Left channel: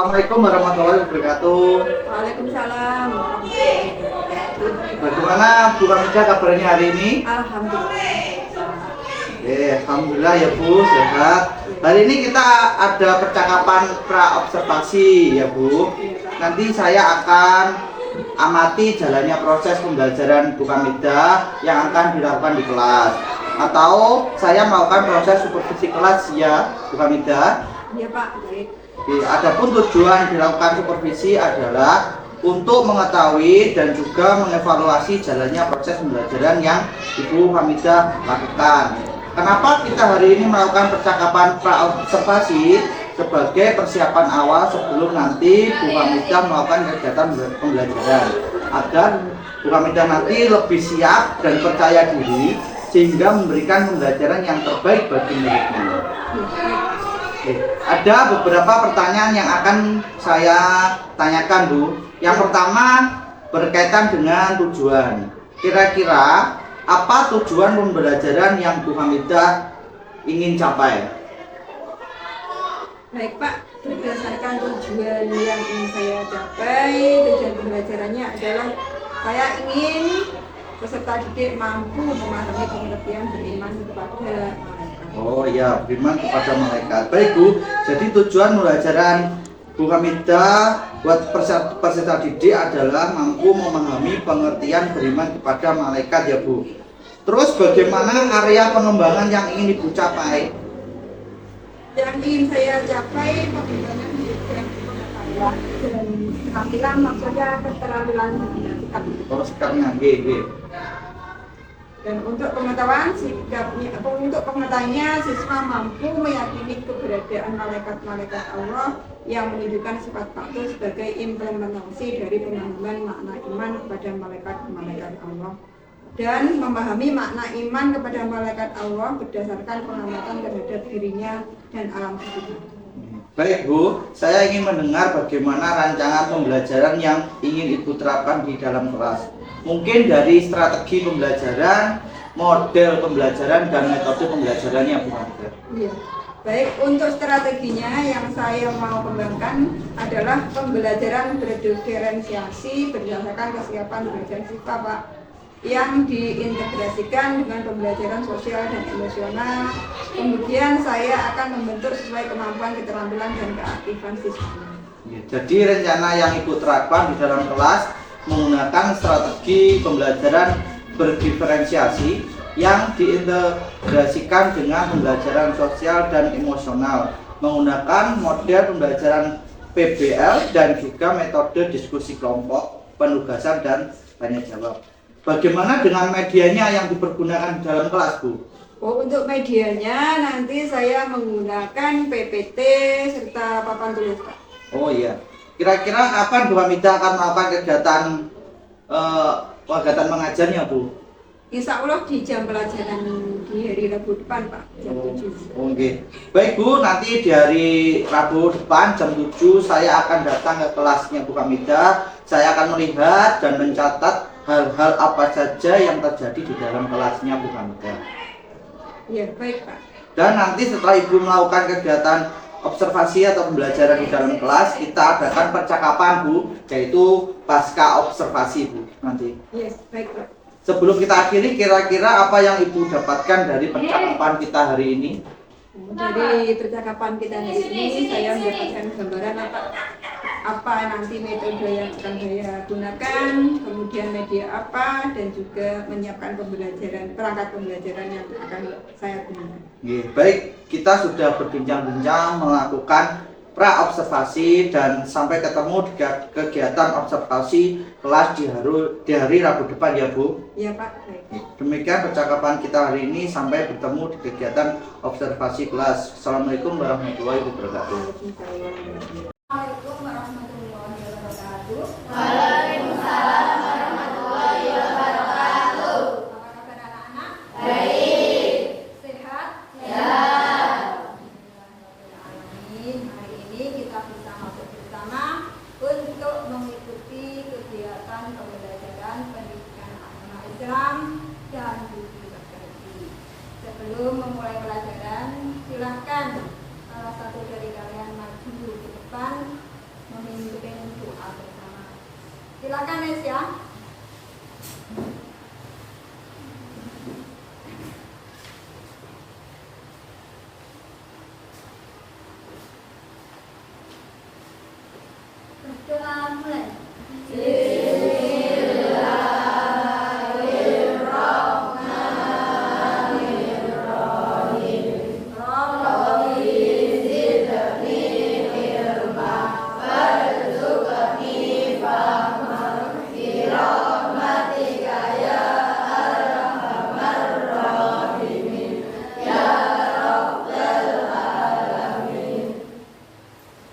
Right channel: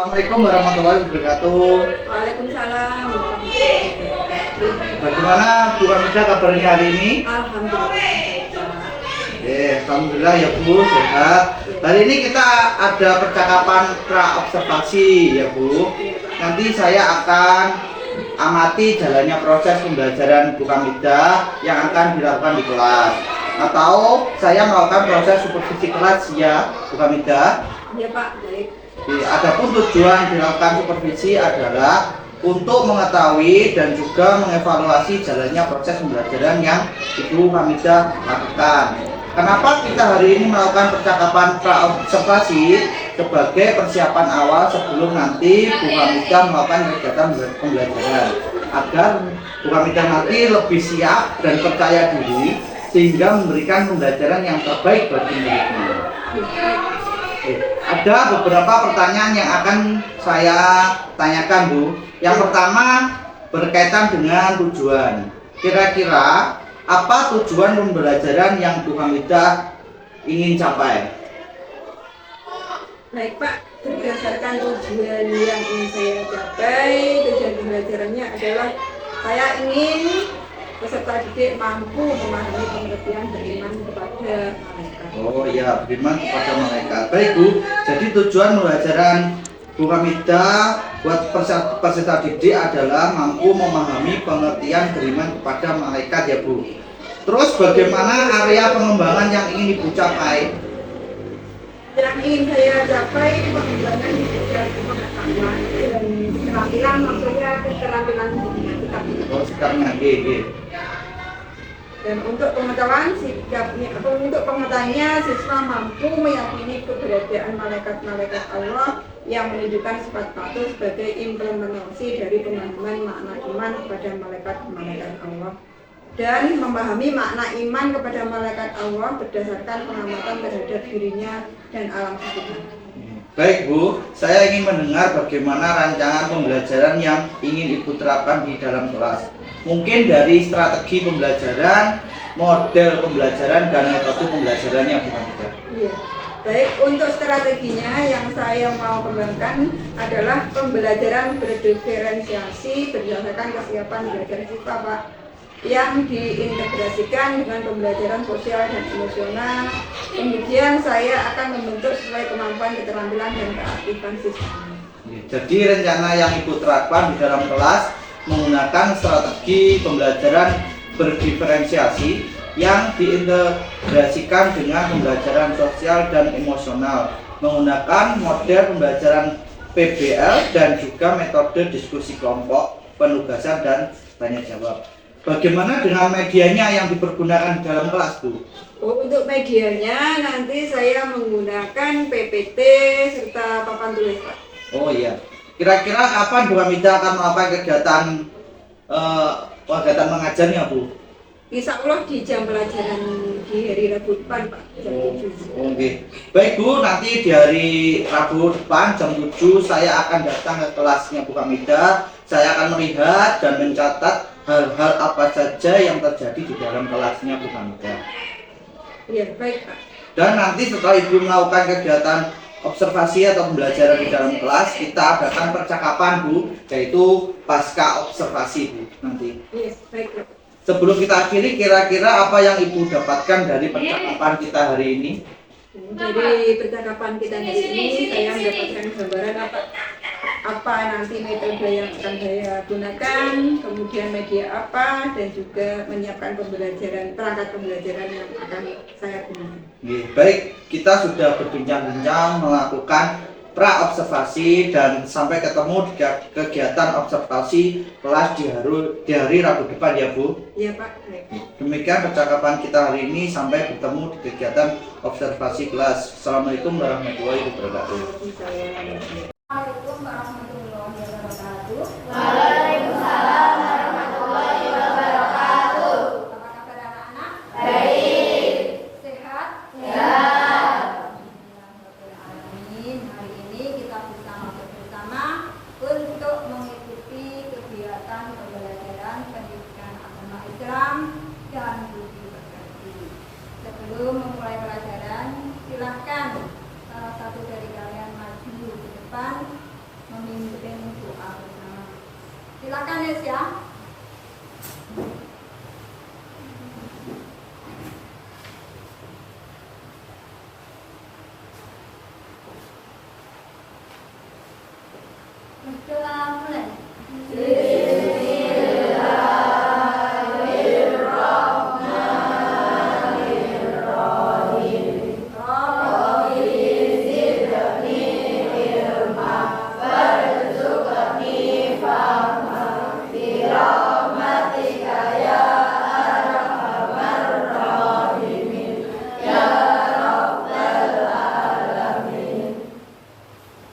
Assalamualaikum warahmatullahi wabarakatuh. Waalaikumsalam. Bagaimana Bu Kamida kabarnya hari ini? Alhamdulillah. Alhamdulillah ya Bu, sehat. Hari ini kita ada percakapan pra-observasi ya Bu. Nanti saya akan amati jalannya proses pembelajaran Bu Kamida yang akan dilakukan di kelas. Atau saya melakukan proses supervisi kelas ya Bu Kamida. Iya Pak, baik. Adapun tujuan dilakukan supervisi adalah untuk mengetahui dan juga mengevaluasi jalannya proses pembelajaran yang Ibu Hamidah lakukan. Kenapa kita hari ini melakukan percakapan pra-observasi? Sebagai persiapan awal sebelum nanti Bu Hamidah melakukan kegiatan pembelajaran, agar Bu Hamidah nanti lebih siap dan percaya diri sehingga memberikan pembelajaran yang terbaik bagi muridnya. Ada beberapa pertanyaan yang akan saya tanyakan Bu. Yang pertama berkaitan dengan tujuan. Kira-kira apa tujuan pembelajaran yang Bu Hamidah ingin capai? Baik Pak, berdasarkan tujuan yang ingin saya capai, tujuan pembelajarannya adalah saya ingin peserta didik mampu memahami pengertian beriman kepada malaikat. Oh iya, beriman kepada malaikat. Baik Bu, jadi tujuan pembelajaran Bu Hamidah buat peserta didik adalah mampu memahami pengertian beriman kepada malaikat ya Bu. Terus bagaimana area pengembangan yang ingin Ibu capai? Yang ingin saya capai pengembangan di bidang pengetahuan dan keterampilan, maksudnya keterampilan sikap. Oh, sekarang G. Dan untuk pengetahuan sikapnya, atau untuk pengetahuannya siswa mampu meyakini keberadaan malaikat-malaikat Allah yang menunjukkan sifat patuh sebagai implementasi dari pemahaman makna iman kepada malaikat-malaikat Allah, dan memahami makna iman kepada malaikat Allah berdasarkan pengamatan terhadap dirinya dan alam sekitar. Baik Bu, saya ingin mendengar bagaimana rancangan pembelajaran yang ingin Ibu terapkan di dalam kelas. Mungkin dari strategi pembelajaran, model pembelajaran, dan metode pembelajarannya Bu Hamidah. Iya. Baik, untuk strateginya yang saya mau kembangkan adalah pembelajaran berdiferensiasi berdasarkan kesiapan belajar siswa Pak, yang diintegrasikan dengan pembelajaran sosial dan emosional. Kemudian saya akan membentuk sesuai kemampuan, keterampilan, dan keaktifan siswa. Jadi rencana yang Ibu terapkan di dalam kelas menggunakan strategi pembelajaran berdiferensiasi yang diintegrasikan dengan pembelajaran sosial dan emosional, menggunakan model pembelajaran PBL dan juga metode diskusi kelompok, penugasan, dan tanya jawab. Bagaimana dengan medianya yang dipergunakan di dalam kelas Bu? Oh, untuk medianya nanti saya menggunakan PPT serta papan tulis Pak. Oh iya. Kira-kira kapan Bu Hamidah akan melakukan kegiatan mengajarnya Bu? Insya Allah di jam pelajaran di hari Rabu depan Pak, jam 7. Oke. Baik Bu, nanti di hari Rabu depan jam 7 saya akan datang ke kelasnya Bu Hamidah. Saya akan melihat dan mencatat hal-hal apa saja yang terjadi di dalam kelasnya Bu Hamidah. Iya, baik Pak. Dan nanti setelah Ibu melakukan kegiatan observasi atau pembelajaran di dalam kelas, kita adakan percakapan Bu, yaitu pasca observasi Bu nanti. Iya, baik Pak. Sebelum kita akhiri, kira-kira apa yang Ibu dapatkan dari percakapan kita hari ini? Dari percakapan kita di sini saya mendapatkan gambaran apa nanti metode yang akan saya gunakan, kemudian media apa, dan juga menyiapkan pembelajaran, perangkat pembelajaran yang akan saya gunakan. Baik, kita sudah berbincang-bincang melakukan pra-observasi dan sampai ketemu di kegiatan observasi kelas di hari Rabu depan ya Bu. Iya Pak, baik. Demikian percakapan kita hari ini, sampai bertemu di kegiatan observasi kelas. Assalamualaikum warahmatullahi wabarakatuh. Waalaikumsalam warahmatullahi wabarakatuh. Waalaikumsalam warahmatullahi wabarakatuh. Apa kabar anak-anak? Baik. Sehat? Ya. Hari ini kita bisa masuk bersama untuk mengikuti kegiatan pembelajaran pendidikan agama Islam dan budi pekerti. Sebelum memulai pelajaran, silahkan salah satu dari kalian maju ke depan memimpin doa bersama. Silakan Nes ya. Berdoa mulai.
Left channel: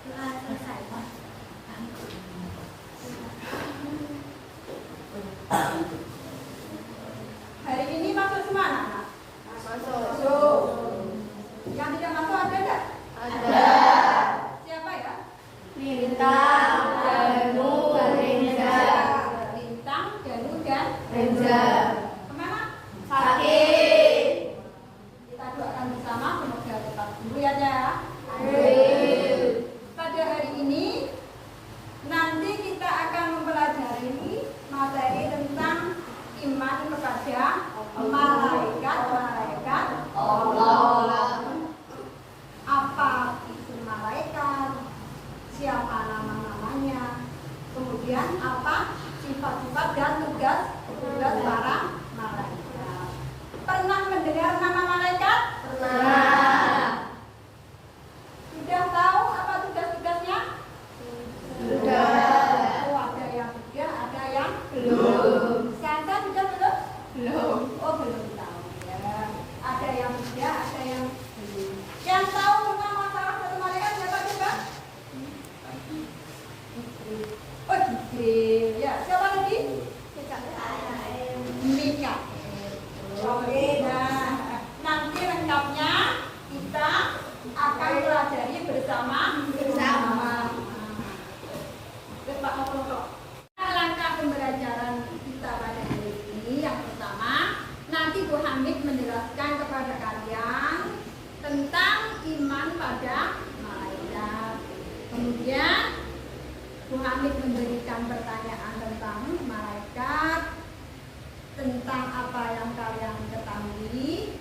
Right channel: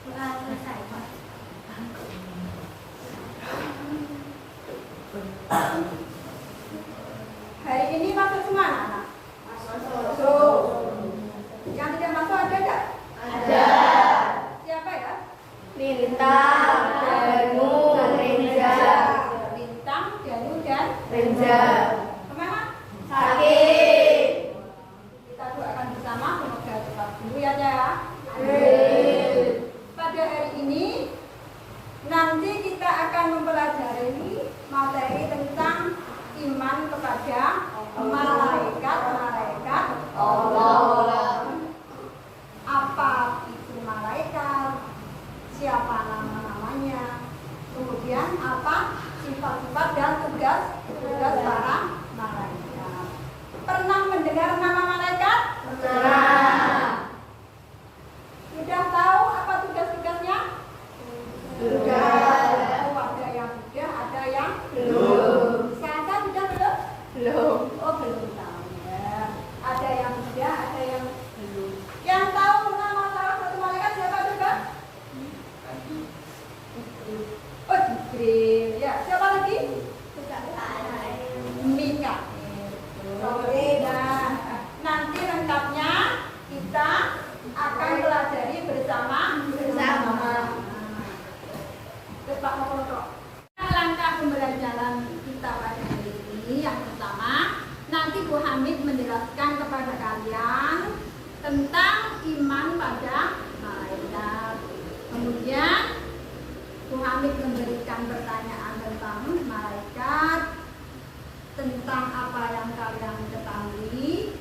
Doa selesai, Pak. Hari ini masuk semua anak-anak? Masuk. Yang tidak masuk ada enggak? Ada. Siapa ya? Lintang, Danu, Rinja. Lintang, Danu, dan Rinja. kemana? Sakit. Kita doakan bersama semoga tetap sembuh ya ya. Amin. Pada hari ini nanti kita akan mempelajari materi tentang iman kepada malaikat Allah. Apa itu malaikat? Siapa nama-namanya? Kemudian apa sifat-sifat dan tugas para malaikat? Pernah mendengar nama malaikat? Pernah. Sudah tahu apa tugas-tugasnya? Sudah. Oh, ada yang sudah, ada yang Belum. Sasa sudah belum? Belum. Oh, belum tahu ya. Ada yang sudah, ada yang belum. Yang tahu nama salah satu malaikat siapa coba? Oh, Jibril. Ya, siapa lagi? Mikael. Oke, nah, nanti lengkapnya kita akan pelajari bersama. Pak Mokoto. Langkah pembelajaran kita pada hari ini yang pertama, nanti Bu Hamid menjelaskan kepada kalian tentang iman pada malaikat. Kemudian Bu Hamid memberikan pertanyaan tentang malaikat, tentang apa yang kalian ketahui.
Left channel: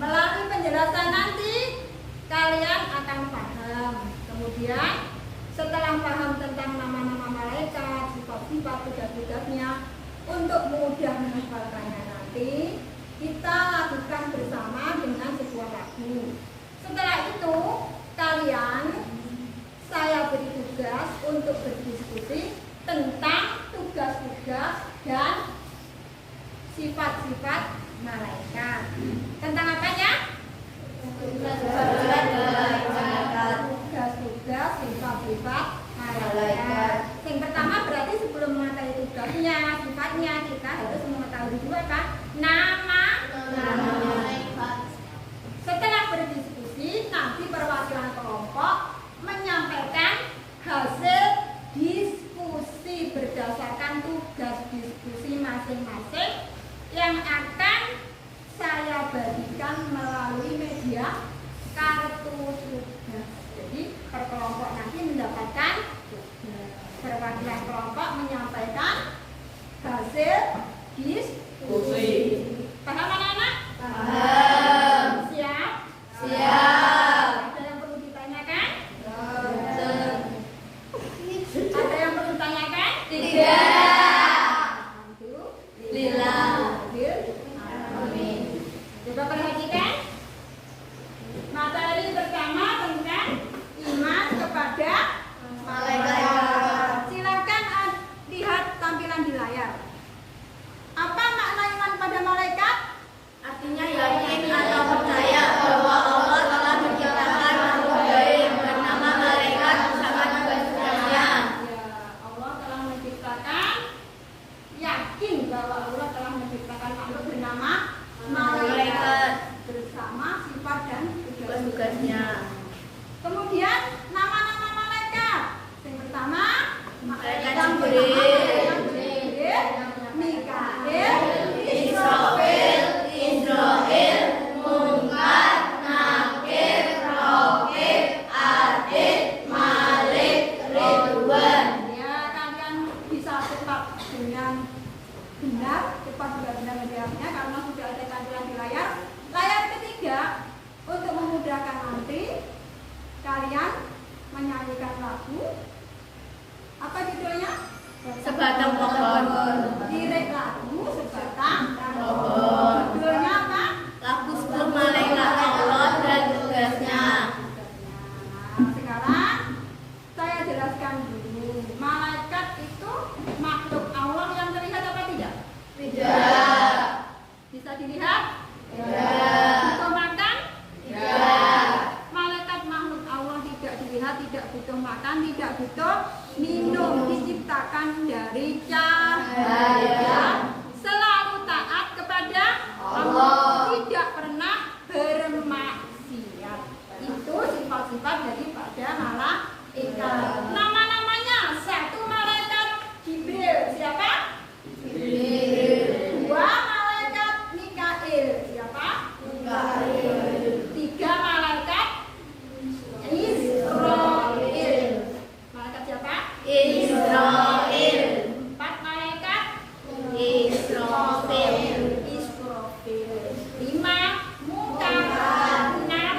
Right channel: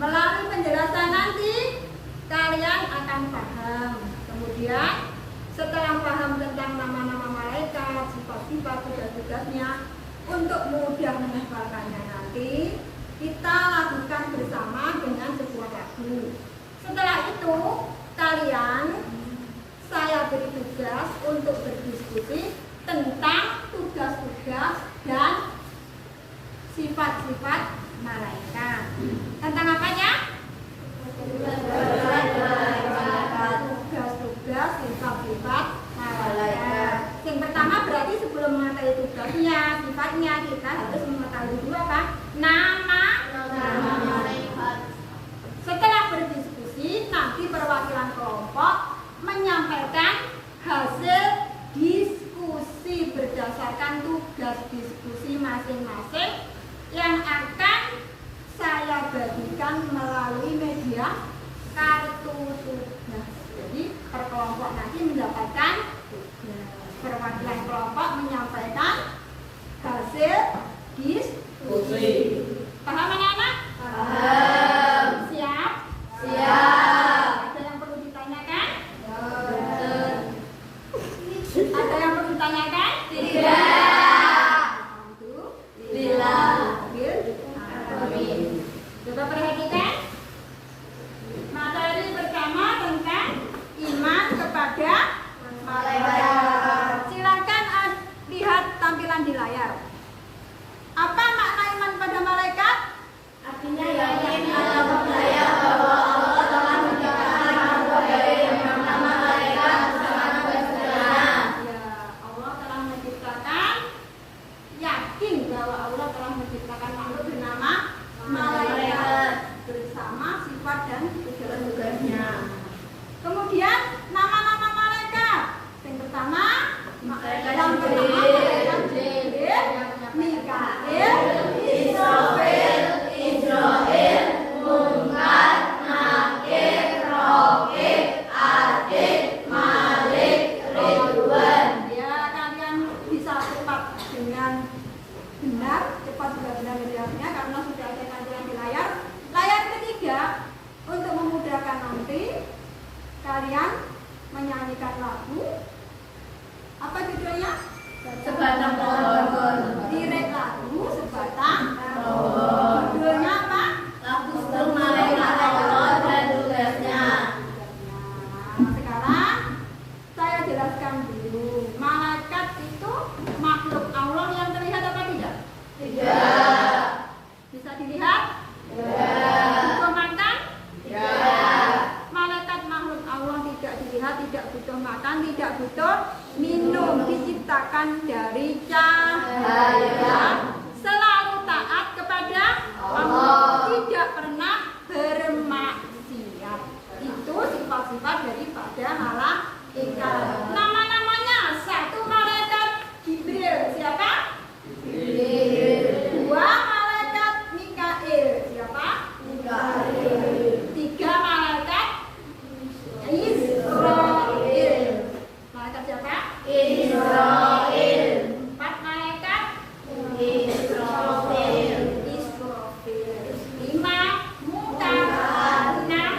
Melalui penjelasan nanti kalian akan paham. Kemudian setelah paham tentang nama-nama malaikat, sifat-sifat, tugas-tugasnya, untuk mudah menghafalkannya nanti, kita lakukan bersama dengan sebuah lagu. Setelah itu, kalian, saya beri tugas untuk berdiskusi tentang tugas-tugas dan sifat-sifat malaikat. Tentang apanya? Tugas-tugas, sifat-sifat malaikat. Yang pertama berarti sebelum mengetahui tugasnya, sifatnya, kita harus mengetahui dulu apa? Nama. Setelah berdiskusi, nanti perwakilan kelompok menyampaikan hasil diskusi berdasarkan tugas diskusi masing-masing yang akan saya bagikan melalui media kartu tugas. Jadi per kelompok nanti mendapatkan tugas. Perwakilan kelompok menyampaikan hasil diskusi. Paham anak-anak? Paham. Siap? Siap. Ada yang perlu ditanyakan? Ada yang perlu ditanyakan? Tidak. Alhamdulillah. Amin. Coba perhatikan materi pertama tentang iman kepada malaikat. Silakan lihat jelasnya karena sudah saya tampilkan di layar. Layar ketiga, untuk memudahkan nanti kalian menyanyikan lagu. Apa judulnya? Sebatang pohon. Lirik lagu Sebatang Pohon. Judulnya apa? Lagu sebelum malaikat Allah dan tugasnya. Nah, sekarang saya jelaskan dulu. Malaikat itu makhluk Allah yang terlihat apa tidak? Tidak. Bisa dilihat? Tidak. Butuh makan? Tidak. Malaikat makhluk Allah tidak dilihat, tidak butuh makan, tidak butuh minum. Diciptakan dari cahaya. Selalu taat kepada Allah. Tidak pernah bermaksiat. Itu sifat-sifat daripada malaikat. Nama-namanya, satu malaikat Jibril. Siapa? Dua malaikat Mikail. Siapa? Tiga malaikat Israel. Malaikat siapa? Israel. Empat malaikat Israel. Israfil. Lima Munkar. Enam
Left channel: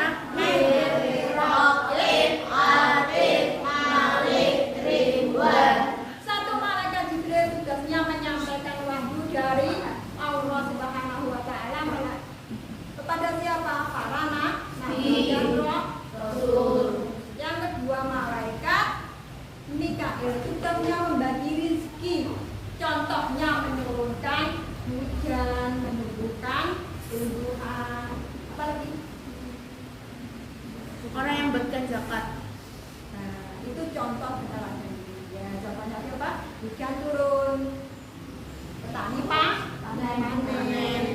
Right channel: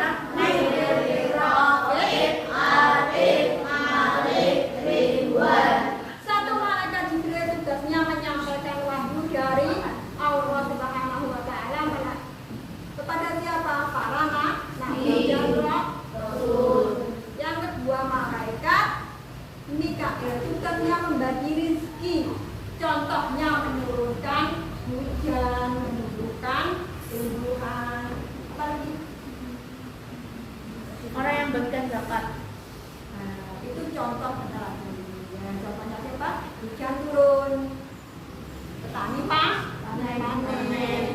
Rafid, Atid, Malik, Ridwan. Satu malaikat Jibril tugasnya menyampaikan wahyu dari Allah Subhanahu wa taala kepada siapa? Para nabi dan rasul. Yang kedua malaikat Mikail tugasnya membagi rezeki. Contohnya menurunkan hujan, menumbuhkan tumbuhan. Apa lagi? Orang yang berikan zakat. Nah, itu contoh keterangan. Ya, contohnya siapa? Hujan turun, petani panen,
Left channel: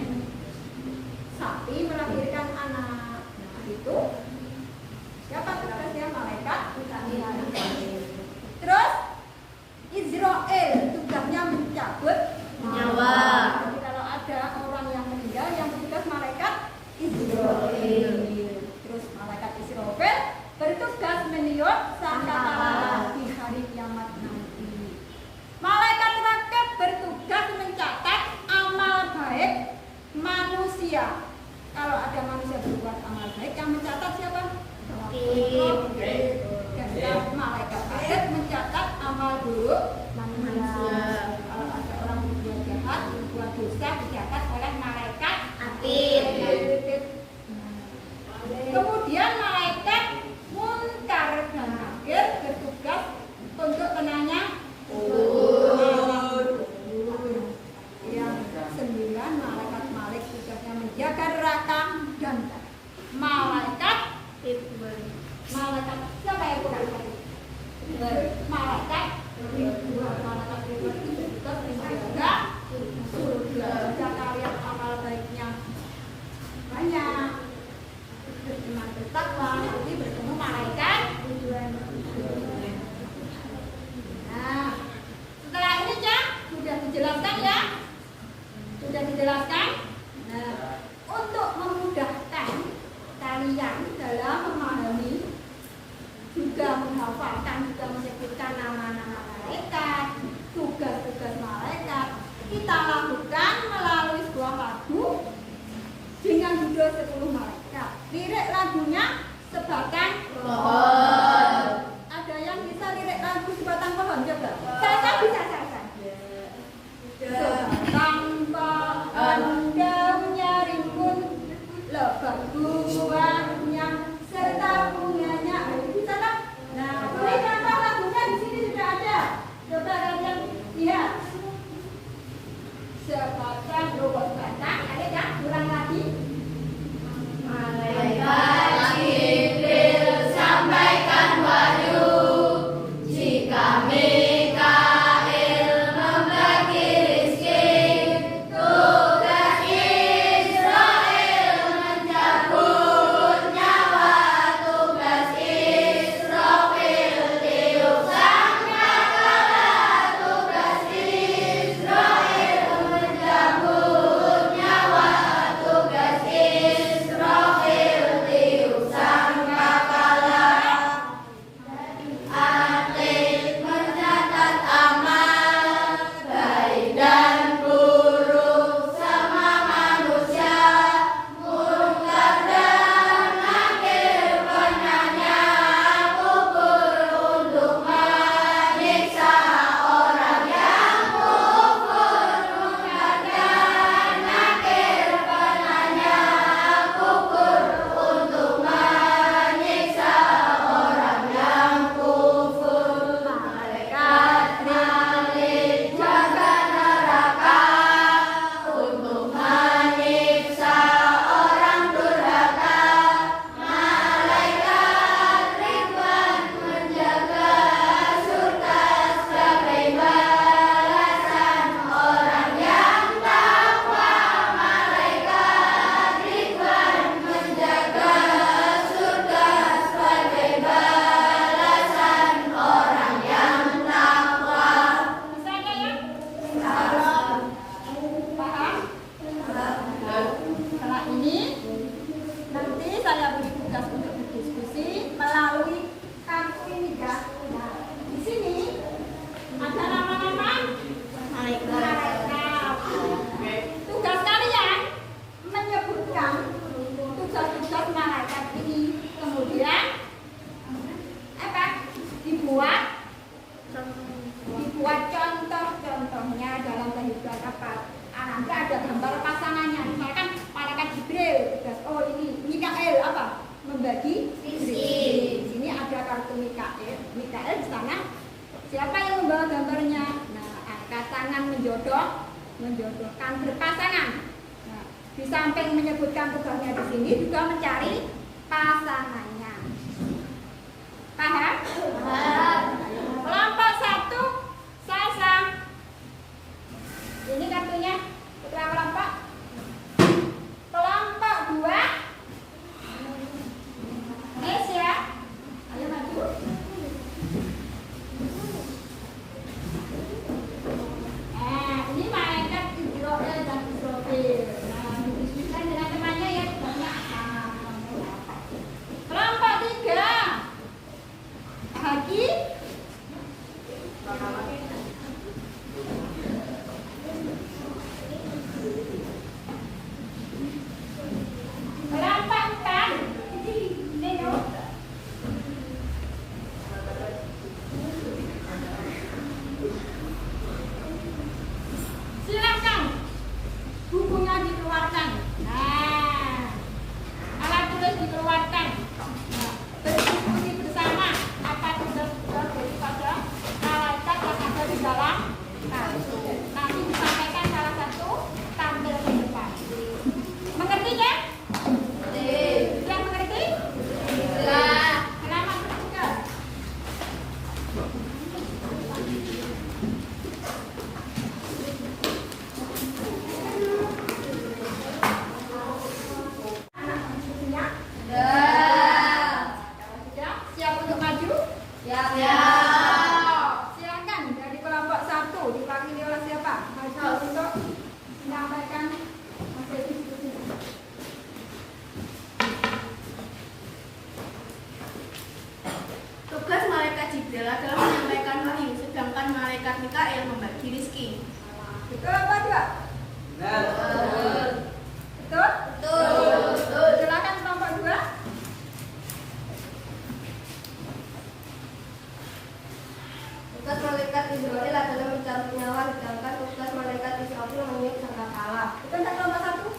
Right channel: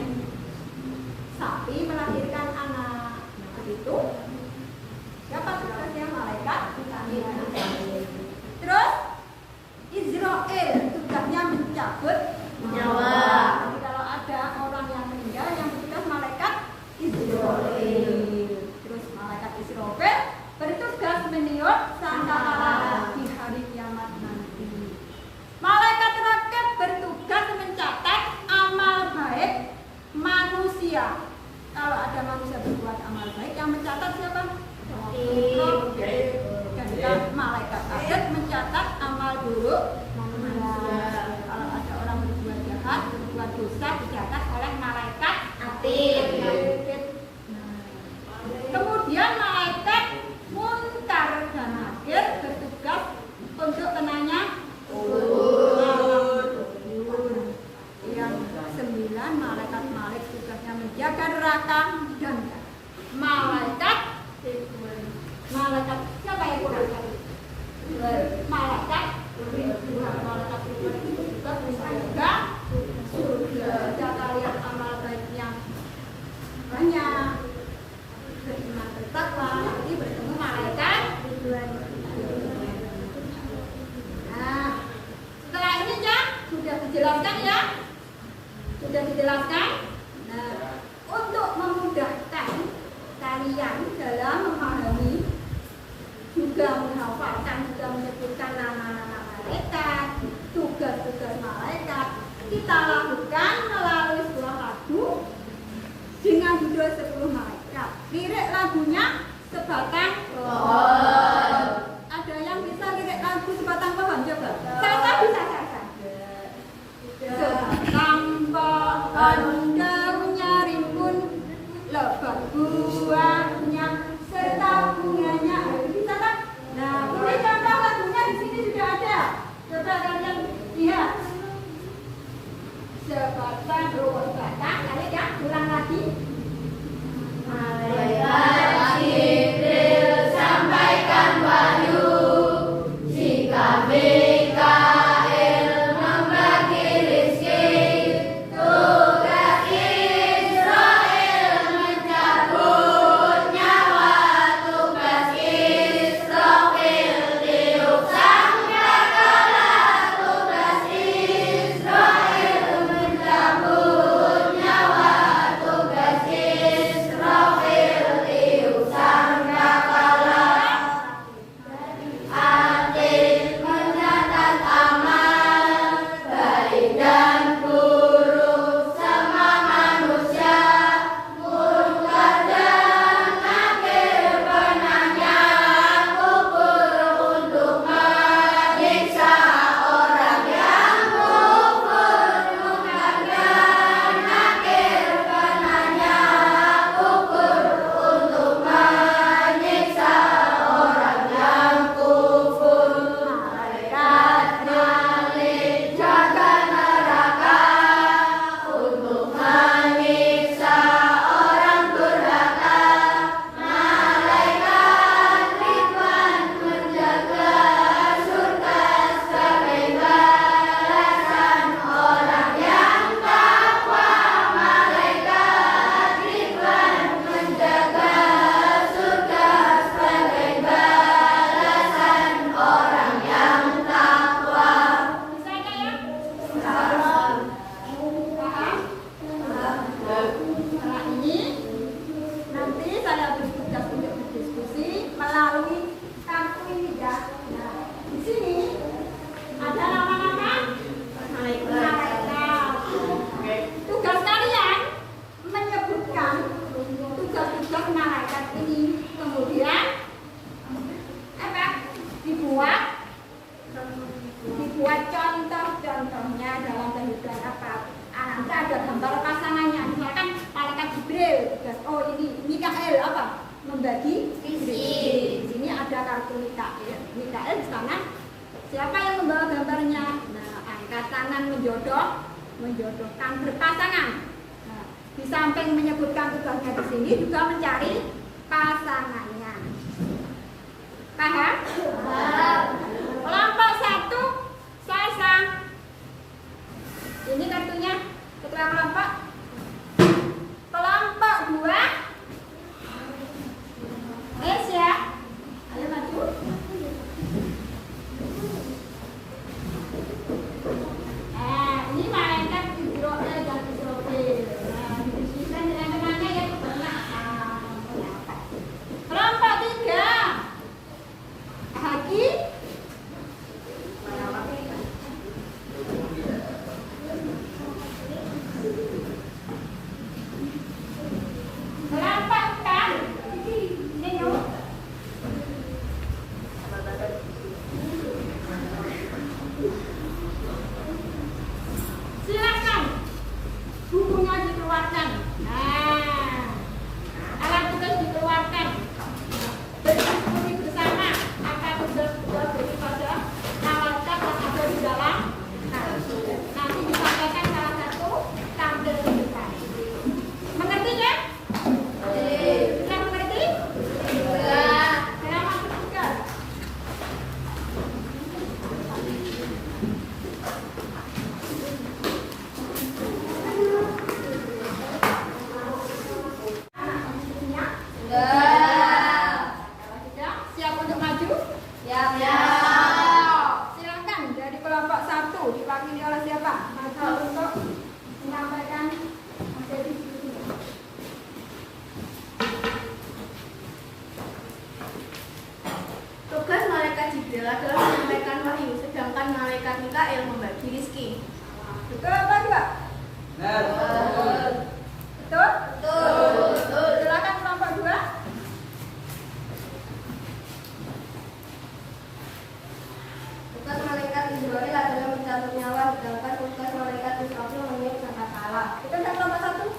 sapi melahirkan anak. Nah, itu siapa tugasnya? Malaikat. Terus Israel tugasnya mencabut Nyawa. Jadi kalau ada orang yang meninggal, yang bertugas malaikat Israel. Terus malaikat Israel bertugas meniup sangkakala di hari kiamat nanti. Malaikat Rakib bertugas mencatat amal baik manusia. Kalau ada manusia berbuat amal baik, yang mencatat siapa? Rakib. Dan malaikat Atid mencatat amal buruk manusia. Kalau ada orang berbuat jahat, berbuat dosa, dicatat oleh malaikat Atid. Kemudian malaikat Munkar dan Nakir bertugas untuk penanya yang 9 malaikat Malik tugasnya menjaga neraka dan malaikat siapa yang kurang tadi? Malaikat Ridwan itu tugas menjaga surga. Jika lihat amal baiknya banyak, beriman bertakwa, nanti bertemu malaikat Ridwan. Nah, setelah ini ya sudah dijelaskan ya, sudah dijelaskan. Nah, untuk memudahkan kalian dalam memahami, juga menghafalkan, juga menyebutkan nama-nama malaikat, tugas-tugas malaikat, kita lakukan melalui sebuah lagu dengan judul 10 malaikat. Lirik lagunya Sebatang Pohon. Ada yang bisa lirik lagu Sebatang Pohon? Coba. Sasa bisa Sasa. Sebatang pohon daunnya rimbun, lebat buahnya serta bunganya. Bisa kan? Nah, ini contoh lagunya di sini sudah ada. Coba kalian lihat. Sebatang ruwet batang. Ayo ya, ulang lagi. Malaikat Jibril sampaikan wahyu, jika Mikail membagi rezeki, membagi Rizki. Di sini ada kartu Mikael. Mikael di sana. Siapa yang membawa gambarnya? Nah, angkat tangan menjodohkan berpasangan. Nah, di samping menyebutkan tugasnya di sini juga mencari pasangannya. Paham? Kelompok 1 Sasa. Ini kartunya ketua kelompok. Kelompok 2 Asia. Ayo maju. Ini malaikat Israel dan Israfil. Nah, didiskusikan dengan temannya yang banyak. Kelompok 3 Haji. Kelompok 4 Nino. Silakan bukunya dikeluarkan. Nah, alat tulis dikeluarkan. Berdiskusi bersama apa tugas-tugas daripada malaikat yang ada di dalam kartu. Nanti disampaikan salah satu tampil di depan. Mengerti kan? Sudah mengerti? Halaman ketiga. Kalau sudah, siap untuk maju? Silakan dari kelompok 1 dipanggil oleh siapa? Maju untuk menyampaikan hasil diskusi. Tugas malaikat Jibril adalah menyampaikan wahyu, sedangkan malaikat Mikael membagi rizki. Betul apa tidak? Betul? Silakan kelompok 2. Tugas malaikat Israel adalah mencabut nyawa, sedangkan tugas malaikat Israfil mengirim sangkakala. Betul tak kelompok 1?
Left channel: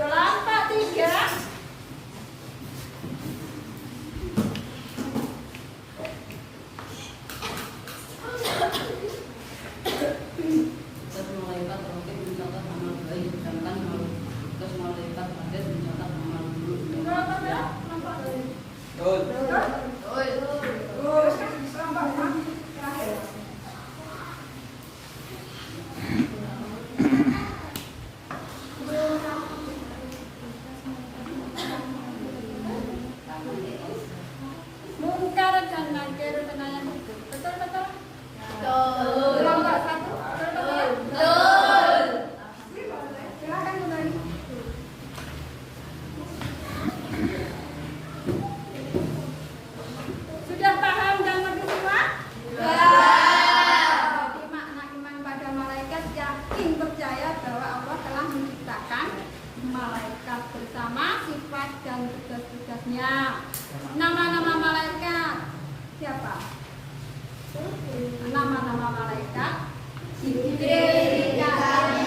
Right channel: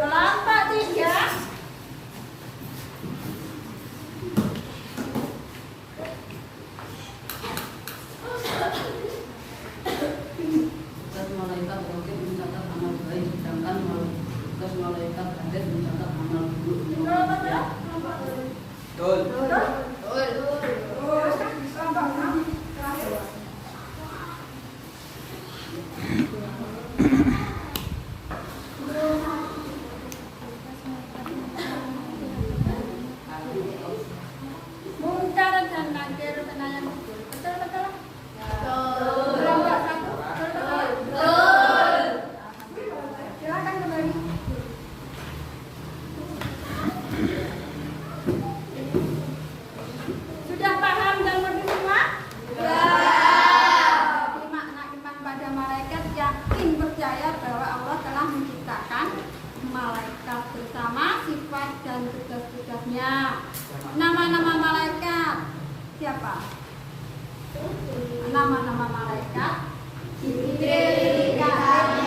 Kelompok 3. Tugas malaikat rohib mencatat amal baik, sedangkan tugas malaikat hadid mencatat amal buruk. Kelompok berapa? Kelompok 2. Betul? Kelompok 6 terakhir. Mungkar dan nakir penayan itu. Betul? Kelompok 1. Betul? Silakan kembali. Sudah paham dan mengerti semua? Jadi makna iman pada malaikat yakin percaya bahwa Allah telah menciptakan malaikat bersama sifat dan tugas-tugasnya. Nama-nama malaikat siapa? Nama-nama malaikat Jibril, Mikael,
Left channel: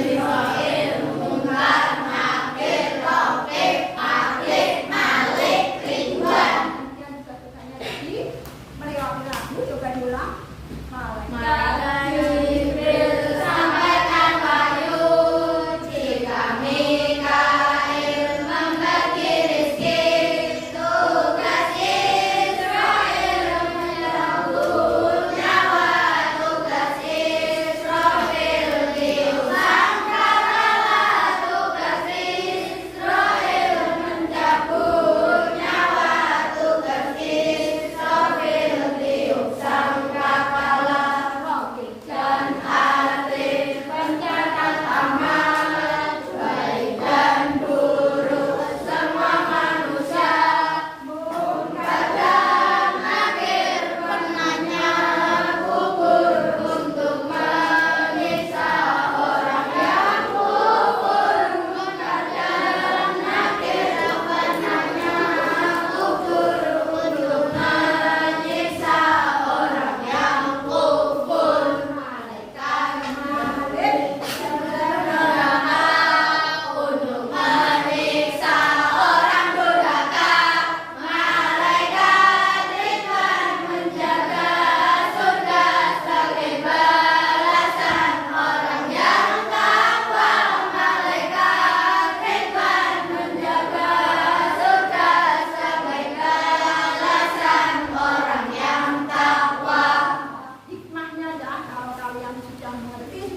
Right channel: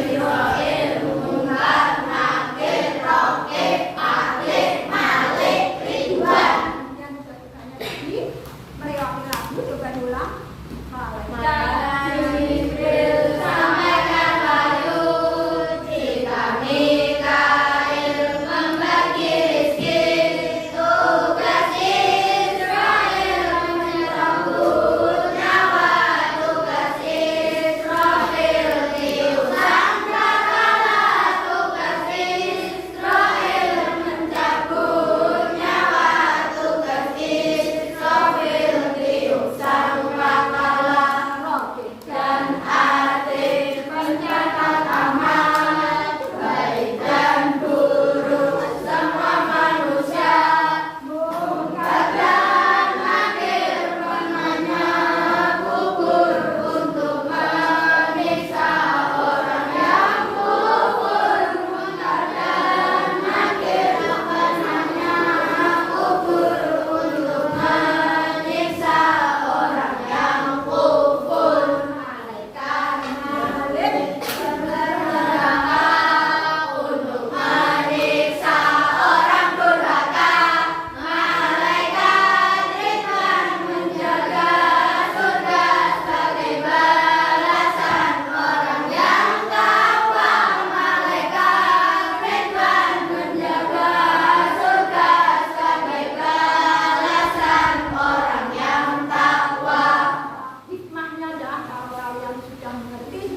Israfil, Munkar, Nakir, Raqib, Atid, Malik, Ridwan. Kemudian tugas-tugasnya tadi melewati lagu, coba diulang. Malaikat Jibril sampaikan wahyu, jika Mikael membagi rizki, tugas Israel menyerahkan nyawa, tugas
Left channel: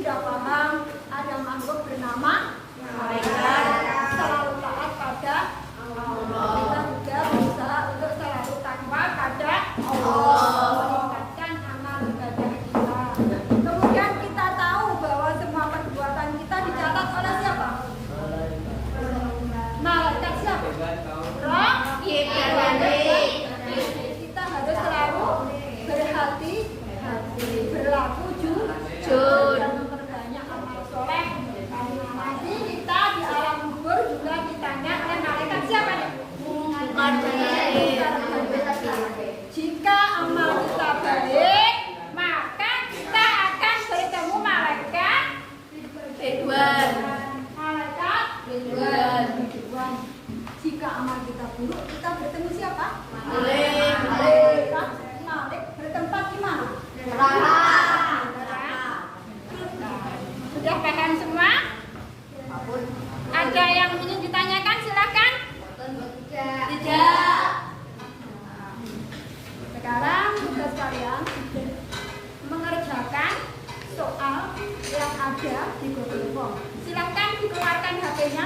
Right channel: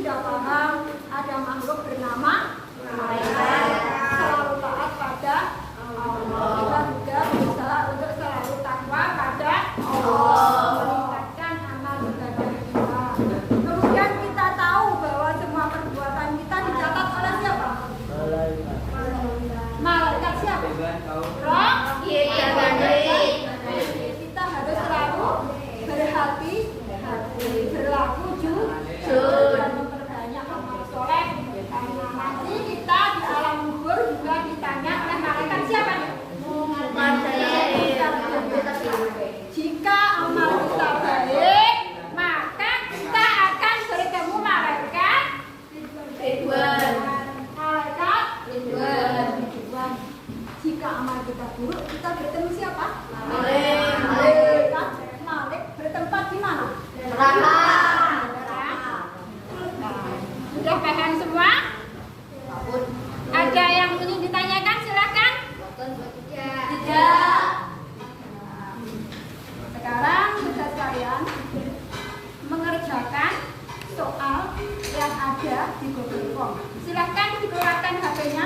sudah paham ada makhluk bernama malaikat selalu taat pada Allah. Kita juga berusaha untuk selalu takwa pada Allah, meningkatkan amal ibadah kita. Kemudian kita tahu bahwa semua perbuatan kita dicatat oleh siapa? Malaikat siapa? Roh. Kita harus selalu berhati-hati, berlaku jujur dan memperbanyak amal soleh. Karena nanti kita di alam kubur juga ditanya oleh malaikat siapa nih? Jika amal kita baik, maka kita akan bertemu malaikat Ridwan. Malaikat Ridwan. Jika amal kita buruk, kita bertemu siapa? Malaikat Malik bertempat di mana? Neraka. Sudah paham semua? Ada yang ingin ditanyakan? Silahkan. Tidak. Sekarang tugas kalian mengerjakan soal yang ada di Google Form. Silahkan dikeluarkan HP-nya.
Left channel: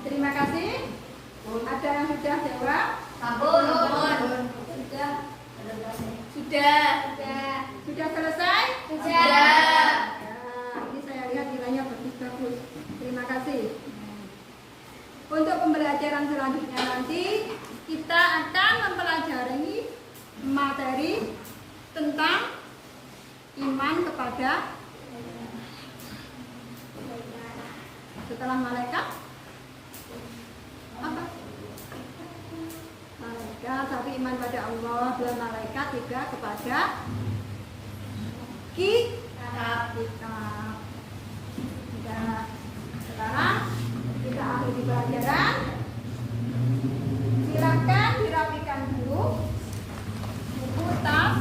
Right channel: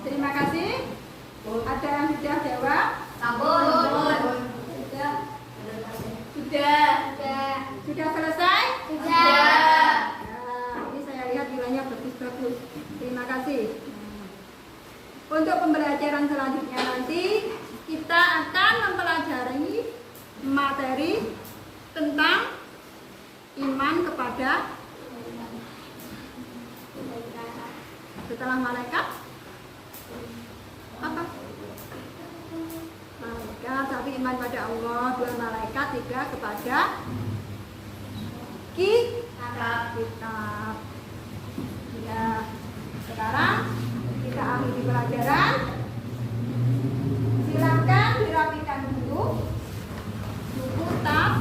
Terima kasih. Ada yang sudah jawab? Sudah selesai? Ya, ini saya lihat nilainya bagus-bagus. Terima kasih. Untuk pembelajaran selanjutnya nanti kita akan mempelajari materi tentang iman kepada setelah malaikat apa? Malaikat, satu iman pada Allah, dua malaikat, tiga kepada kitab. Ya, sekarang kita akhiri pelajaran. Silakan dirapikan dulu buku tas.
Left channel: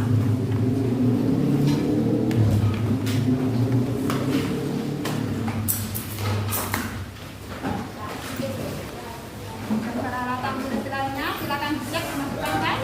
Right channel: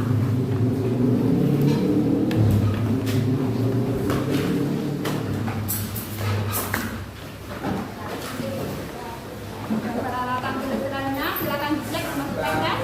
Dan peralatan tulis lainnya silakan dicek masukkan kan?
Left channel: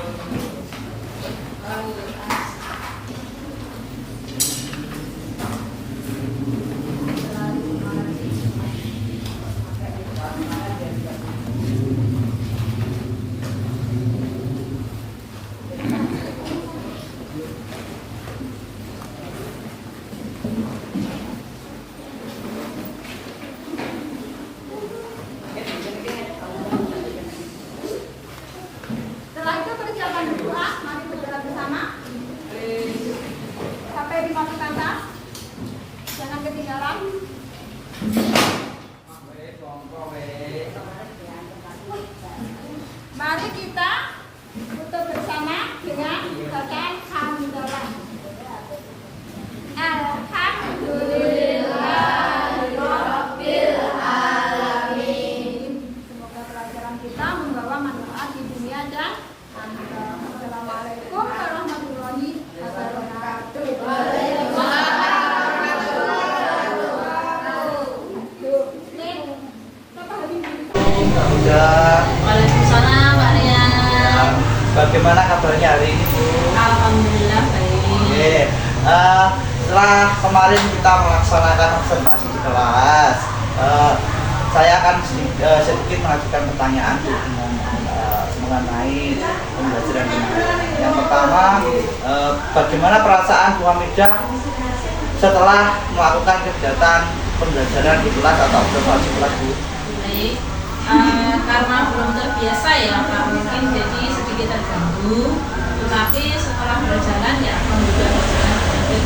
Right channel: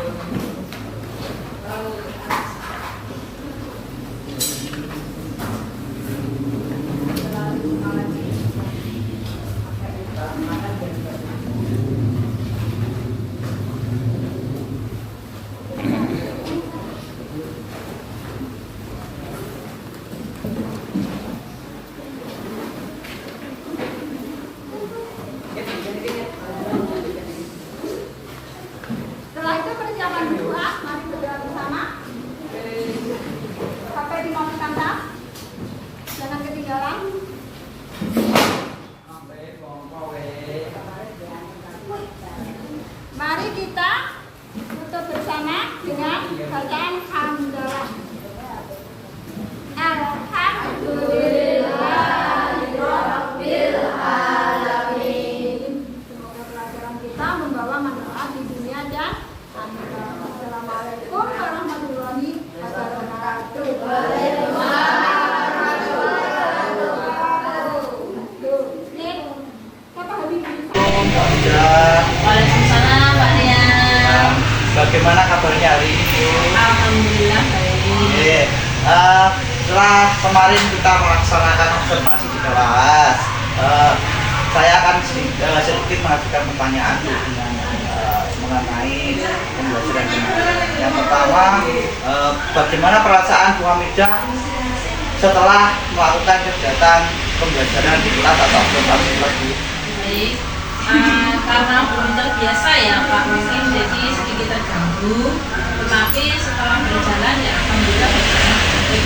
Setelah itu persiapan berdoa, mari berdoa bersama. Sampai dimasukkan tas, jangan ketinggalan. Mari kita tutup bersama dengan bacaan hamdalah. Alhamdulillahirabbil alamin. Semoga pelajaran kita membawa manfaat di dunia dan akhirat. Assalamualaikum warahmatullahi wabarakatuh. Waalaikumsalam Pak Rian. Bagaimana kabarnya hari ini, Bu? Alhamdulillah baik. Oke. Setelah kemarin kita melaksanakan observasi di kelas, saya akan sedikit mengajukan pertanyaan mengenai pembelajaran kemarin. Yang pertama, bagaimana perasaan Bu Hamidah setelah melakukan kegiatan pembelajaran di kelas atau observasi kelas, Bu? Baik. Karena belum terbiasa ya Pak, mungkin jadi sedikit terganggu. Tetapi setelah berjalan ya alhamdulillah berjalan baik.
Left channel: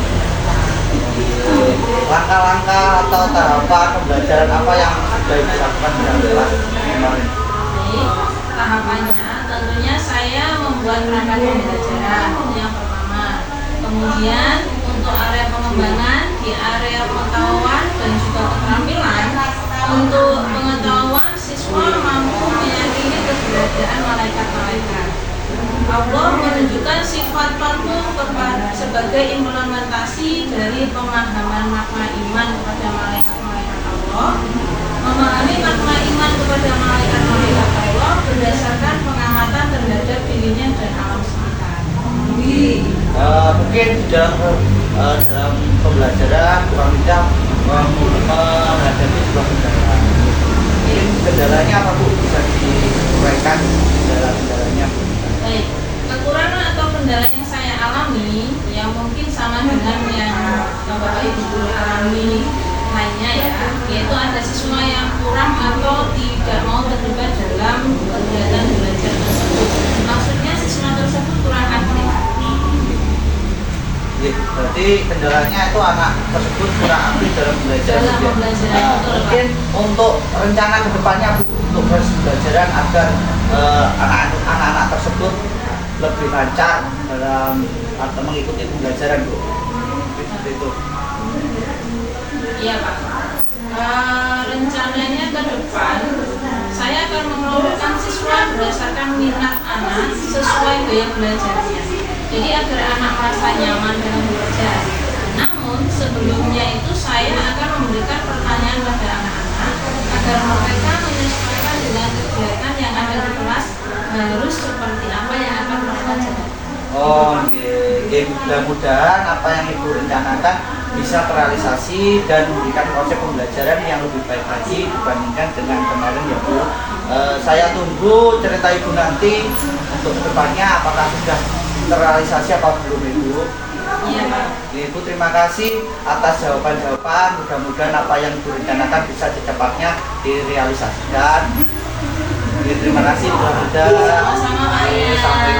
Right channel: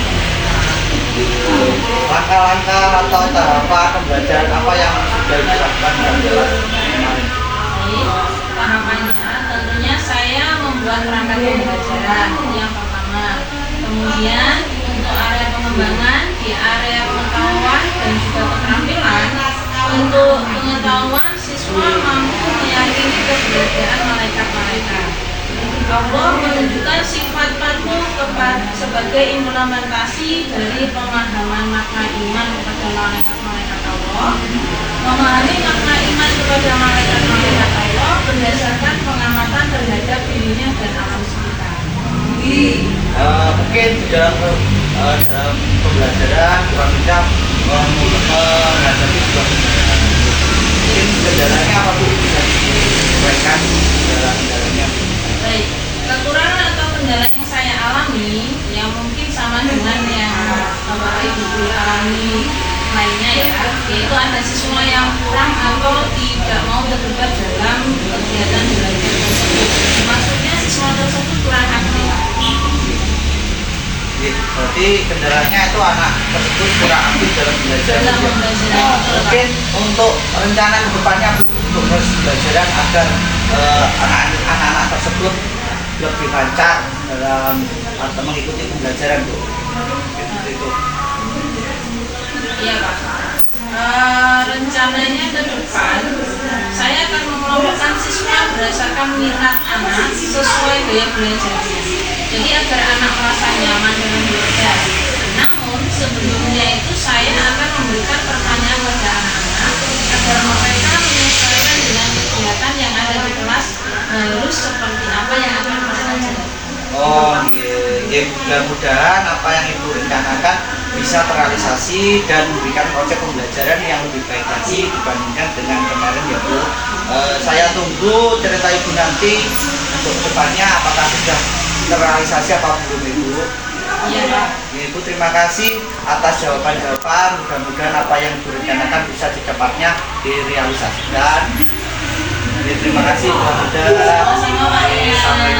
Langkah-langkah atau tahapan pembelajaran apa yang sudah dilakukan dalam kelas kemarin? Baik, tahapannya tentunya saya membuat rangka pembelajaran yang pertama. Kemudian untuk area pengembangan di area pengetahuan dan juga keterampilan Untuk pengetahuan, siswa mampu meyakini keberadaan malaikat-malaikat. Allah menunjukkan sifat patuh sebagai implementasi dari pemahaman makna iman kepada malaikat-malaikat Allah. Memahami makna iman kepada malaikat-malaikat Allah berdasarkan pengamatan terhadap dirinya dan alam sekitar. Mungkin dalam pembelajaran kita menghadapi sebuah kendala. Mungkin kendalanya apa Bu? Bisa disampaikan kendala-kendalanya. Baik, kekurangan atau kendala yang saya alami yang mungkin sama dengan yang Bapak Ibu alami lainnya ya, yaitu ada siswa yang kurang atau tidak mau terlibat dalam kegiatan belajar tersebut. Maksudnya siswa tersebut kurang aktif. Berarti kendalanya itu anak tersebut kurang aktif dalam belajar. Mungkin untuk rencana kedepannya Bu, untuk pembelajaran agar anak-anak tersebut lebih lancar dalam atau mengikuti pembelajaran Bu. Seperti itu. Iya Pak. Rencananya ke depan saya akan mengelompokkan siswa berdasarkan minat anak sesuai gaya belajarnya. Jadi agar anak merasa nyaman dalam belajar. Namun sebelumnya itu saya akan memberikan pertanyaan pada anak-anak agar mereka menyesuaikan dengan kegiatan yang ada di kelas harus seperti apa yang akan mereka jalani. Oh iya, mudah-mudahan apa yang Ibu rencanakan bisa terrealisasi dan memberikan konsep pembelajaran yang lebih baik lagi dibandingkan dengan kemarin ya Bu. Saya tunggu cerita Ibu nanti untuk kedepannya apakah sudah terrealisasi apa belum Ibu. Iya Pak. Ibu terima kasih atas jawaban-jawaban. Mudah-mudahan apa yang Ibu rencanakan bisa secepatnya direalisasikan. Terima kasih. Mudah-mudahan. Sama-sama Pak. Sampai